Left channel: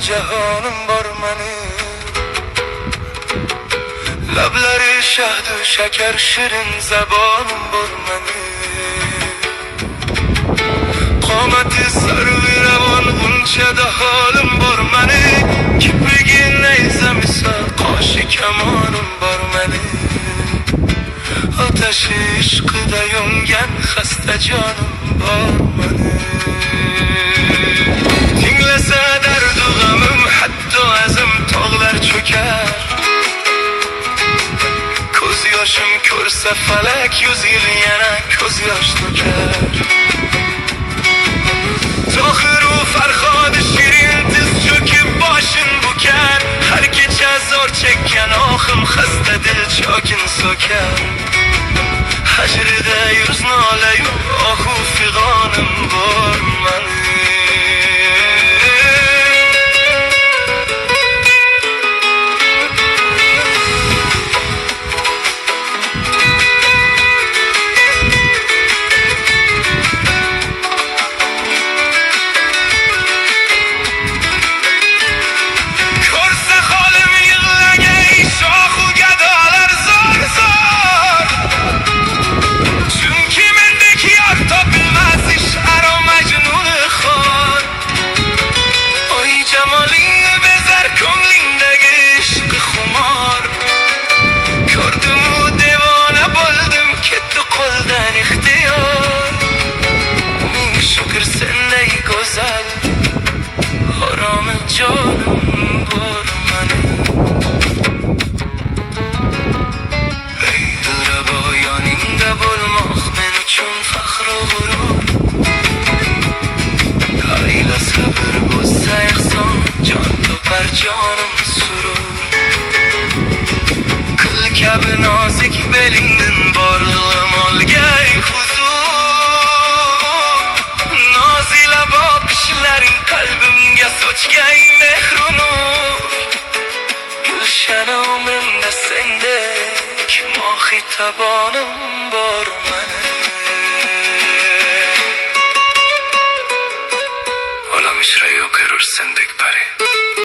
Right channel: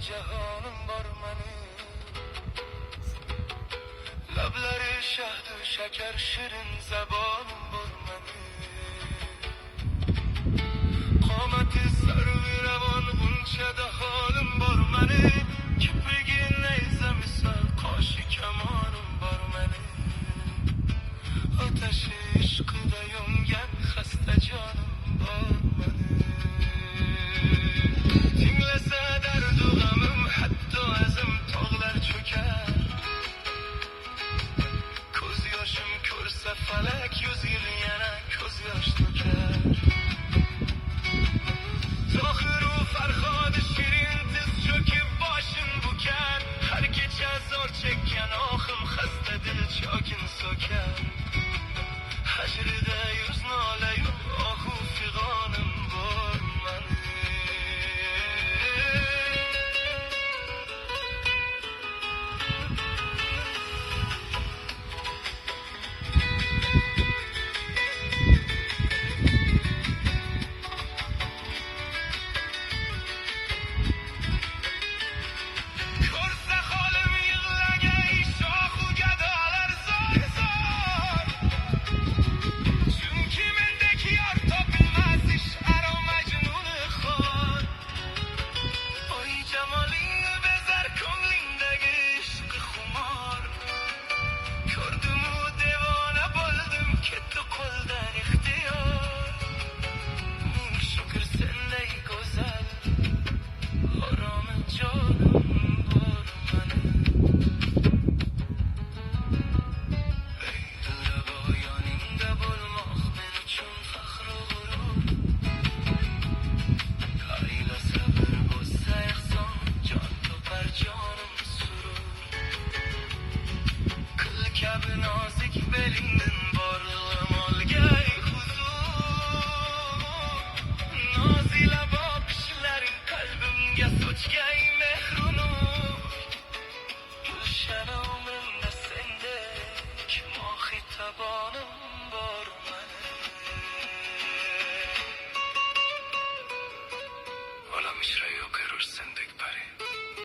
جهانم بار منی لبلری شهد و شکر شیرین زبانم بار منی قامت سر و روان اونچه ده حالم بار منی که بگی نیزم سر قاش کمانم بار منی آتش عشق دیونگن خسته جانم بار منی tinglese derdu gamım hatta azım tağlar çöker Koz yaşım körse felek yüz yıl yana koz yaş döker Tahir u ferhad şirin tiz çöküp başın buker Her gece zor çekken ahım xasta dil çakin söker Hecride yüz nale yu ahu figanım var mani جانم بار منی ای دل بایانینده بولماخ منو چون فخر و غرور ایلا صبر بسته اخسان جان تو بر جانم سرور کل کب نازک بلیندن بارلغ مالگه huzur نازی لبا پیشلرین قلبimge soçgay mehrunur Gülşenimde sendek mahitabanım var mene Olam işre yok erur sendek